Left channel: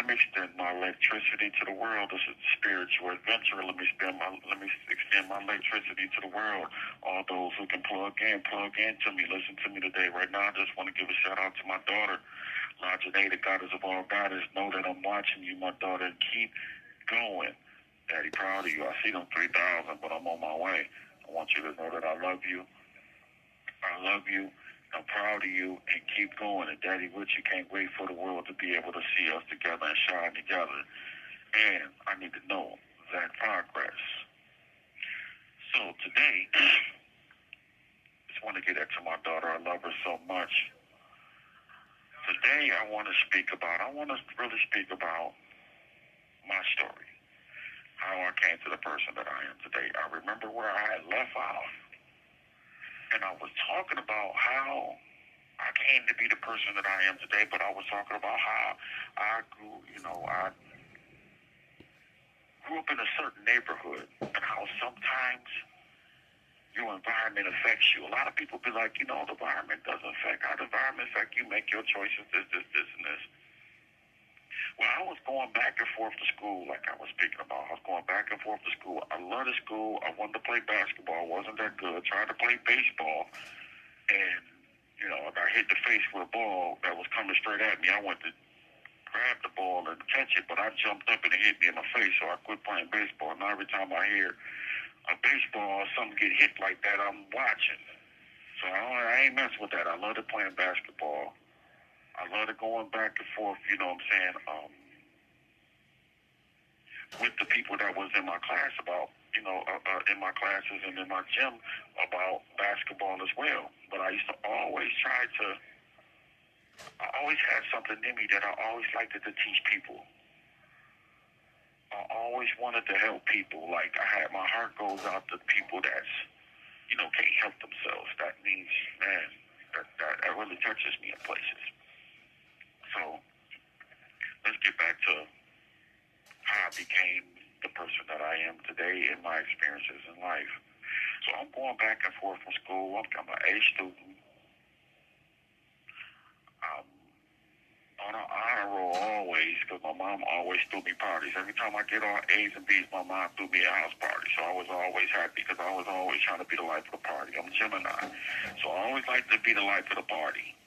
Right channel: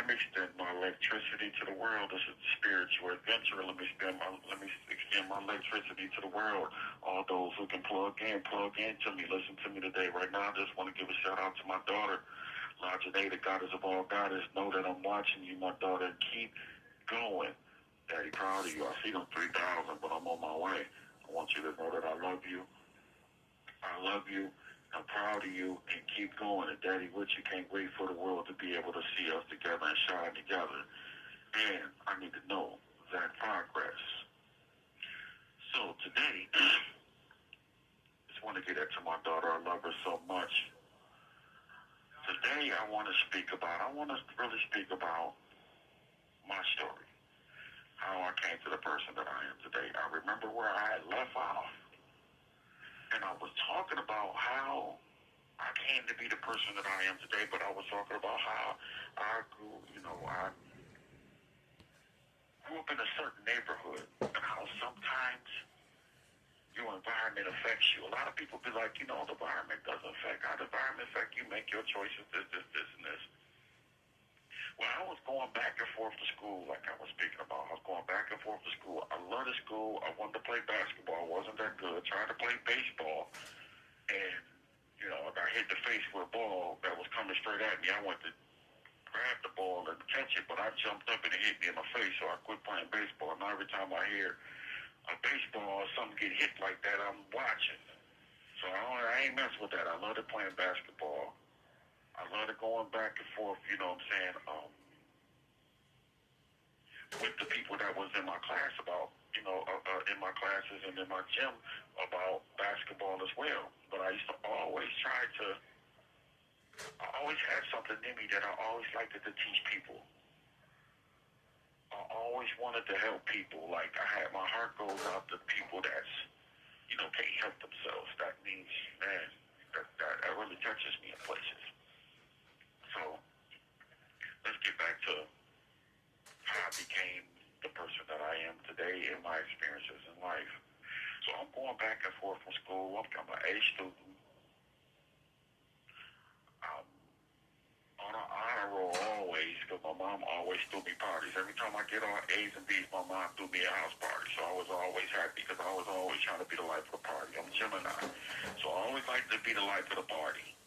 let me extend my electricity to the world. This is a spiritual adventure. Let me extend my electricity to the world. All those who can plug in to me. Listen to me today. Right now, I just want to give a shout out to my daughter, Lajanae, the goddess of all goddess. Know that I'm watching you, my daughter. Keep going. Daddy, proud of you. I see them 3,000, but I'm on my way. I want you to know that I love you. I love you. I'm proud of you, and keep going. And Daddy, with you, can't wait for the world to be able to see us together and shine together. And I need to know that progress. So today, just want to get that to my daughter. I love her so much. Today, I want to really speak about my story, how I came to the person that I am today. I remember where I had left off. And I was talking about how I came to be the person that I am today, but I was talking about how I grew, I grew up in a certain neighborhood and how sometimes your environment affects you. A lot of people be like, the environment doesn't affect. How the environment affect you, make your choices, this, and this. Well, I was going back and forth to school like I was speaking about. I was going back and forth to school. I loved school. I wanted to play basketball. Wasn't that good. Tried to play baseball. And, I got hit in the face with a ball that was coming straight at me. I went to grab the ball and catch it, but I jumped up and it hit me in my face, so I quit playing baseball. Now every time I hear a baseball or something get hit like that, I'm watching. So I ain't messing with that. I loved playing basketball. I loved going back and forth, with the people that was in my class about, in my classes and in my gym about basketball as well. But I used to I always had something in me that I always liked to teach people. I always wanted to help people. Like my heart goes out to people that's, can't help themselves. That means, man, that really touches me in places. So let's get back to how I became the person that I am today in my experiences in life. So I'm going back and forth from school. I'm an A student. I'm on an honor roll always because my mom always threw me parties. Every time I get all A's and B's, my mom threw me a house party. So I was always happy because I was always trying to be the life of the party. I'm Gemini. So I always like to be the life of the party.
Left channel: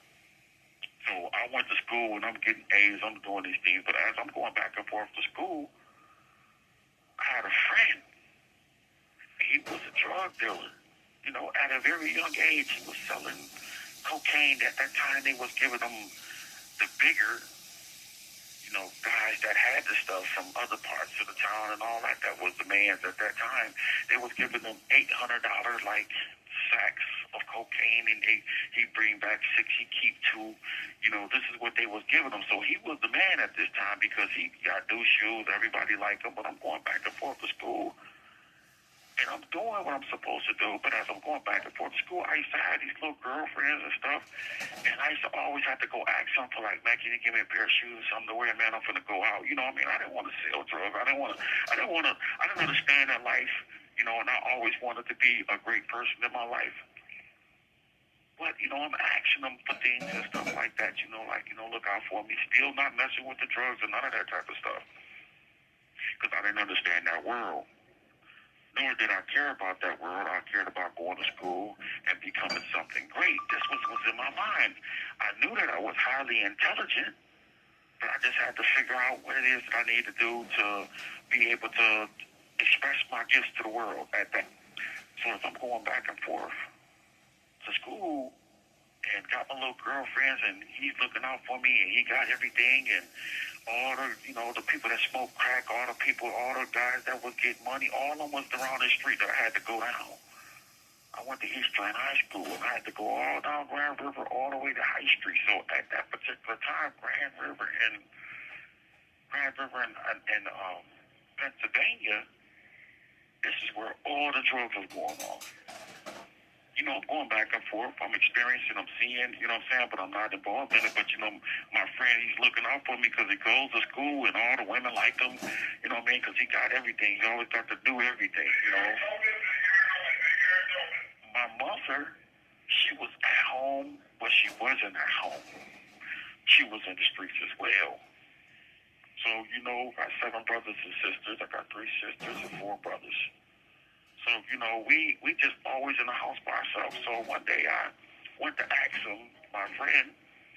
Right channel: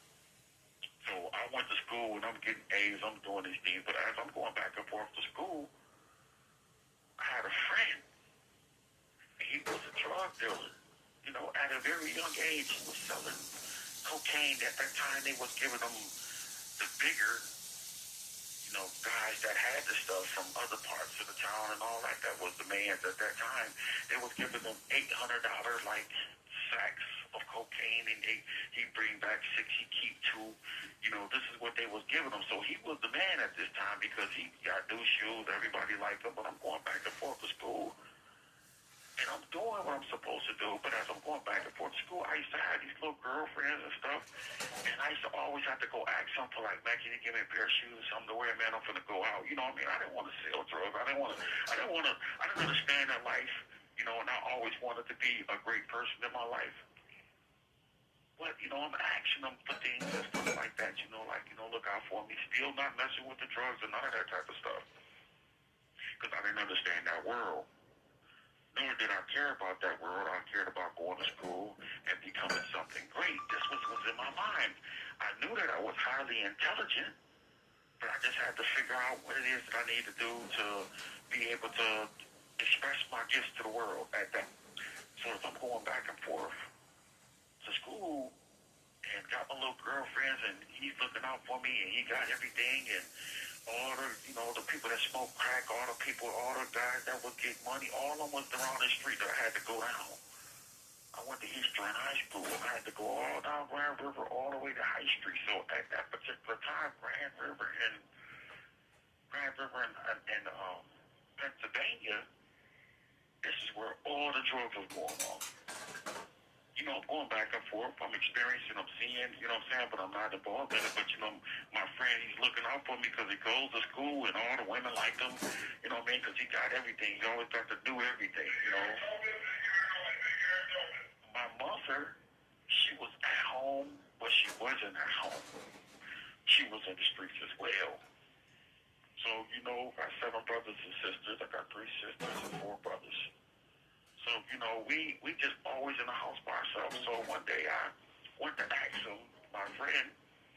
So I went to school and I'm getting A's, I'm doing these things, but as I'm going back and forth to school, I had a friend. He was a drug dealer. At a very young age, he was selling cocaine. At that time, they was giving them the bigger, guys that had the stuff from other parts of the town and all that. That was the man's at that time. They was giving them $800 like sacks of cocaine, and he'd bring back 6, he'd keep 2. This is what they was giving him. So he was the man at this time because he got new shoes. Everybody liked him, but I'm going back and forth to school. And I'm doing what I'm supposed to do, but as I'm going back and forth to school, I used to have these little girlfriends and stuff, and I used to always have to go ask something like, man, can you give me a pair of shoes, something to wear, man, I'm finna go out. You know what I mean? I didn't want to sell drugs. I didn't understand that life, and I always wanted to be a great person in my life. But, I'm asking them for things and stuff like that, look out for me. Still not messing with the drugs and none of that type of stuff. Because I didn't understand that world. Nor did I care about that world. I cared about going to school and becoming something great. This was in my mind. I knew that I was highly intelligent, but I just had to figure out what it is that I need to do to be able to express my gifts to the world at that. So as I'm going back and forth to school and got my little girlfriends and he's looking out for me and he got everything and all the, the people that smoke crack, all the guys that would get money, all of them was around the street that I had to go down. I went to Eastern High School and I had to go all down Grand River all the way to High Street. So at that particular time, Grand River and Pennsylvania, this is where all the drugs was going on. I'm going back and forth. I'm experiencing, I'm seeing, but I'm not involved in it. But, my friend, he's looking out for me because he goes to school and all the women like him, because he got everything. He always got to do everything, My mother, she was at home, but she wasn't at home. She was in the streets as well. So, I got 7 brothers and sisters. I got 3 sisters and 4 brothers. So, we just always in the house by ourselves. So one day I went to ask him, my friend,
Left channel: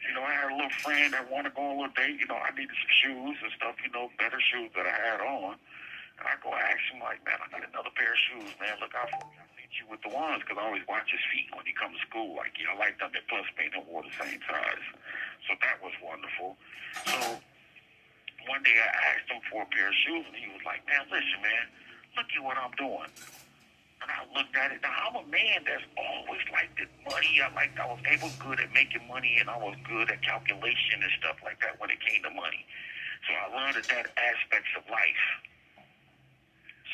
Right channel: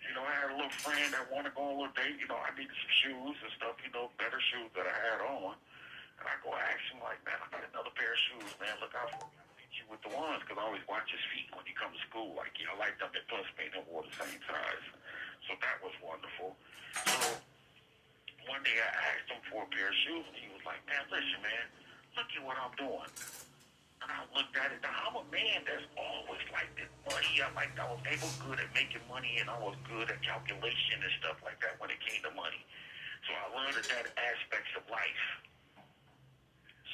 I had a little friend that wanted to go on a little date. I needed some shoes and stuff, better shoes that I had on. And I go ask him, like, man, I need another pair of shoes, man. Look out for me. I need you with the ones, because I always watch his feet when he comes to school. Like, I like them. They plus me and wore the same size. So that was wonderful. So one day I asked him for a pair of shoes, and he was like, man, listen, man, look at what I'm doing. And I looked at it. Now, I'm a man that's always liked this money. I was good at making money, and I was good at calculation and stuff like that when it came to money. So I learned that aspects of life.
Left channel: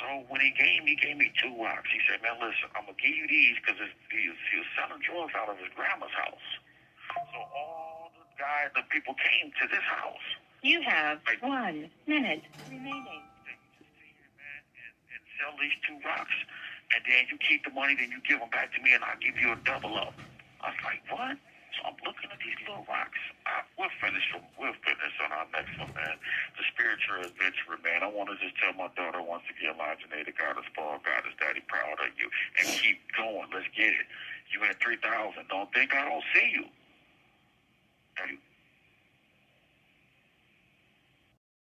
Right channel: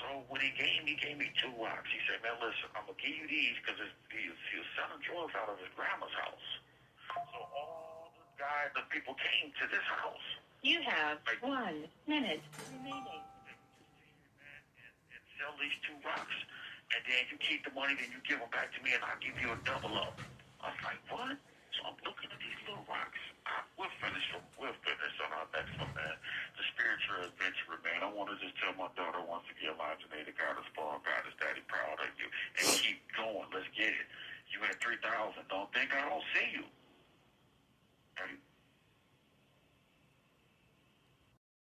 So when he gave me 2 rocks. He said, man, listen, I'm going to give you these because he was selling drugs out of his grandma's house. So all the guys, the people came to this house. You have 1 minute remaining. And sell these 2 rocks. And then you keep the money, then you give them back to me, and I'll give you a double up. I was like, what? So I'm looking at these little rocks. We'll finish on our next one, man. The spiritual adventurer, man. I want to just tell my daughter once again, Imaginator, God is spoiled, God is daddy proud of you. And keep going. Let's get it. You had 3,000. Don't think I don't see you.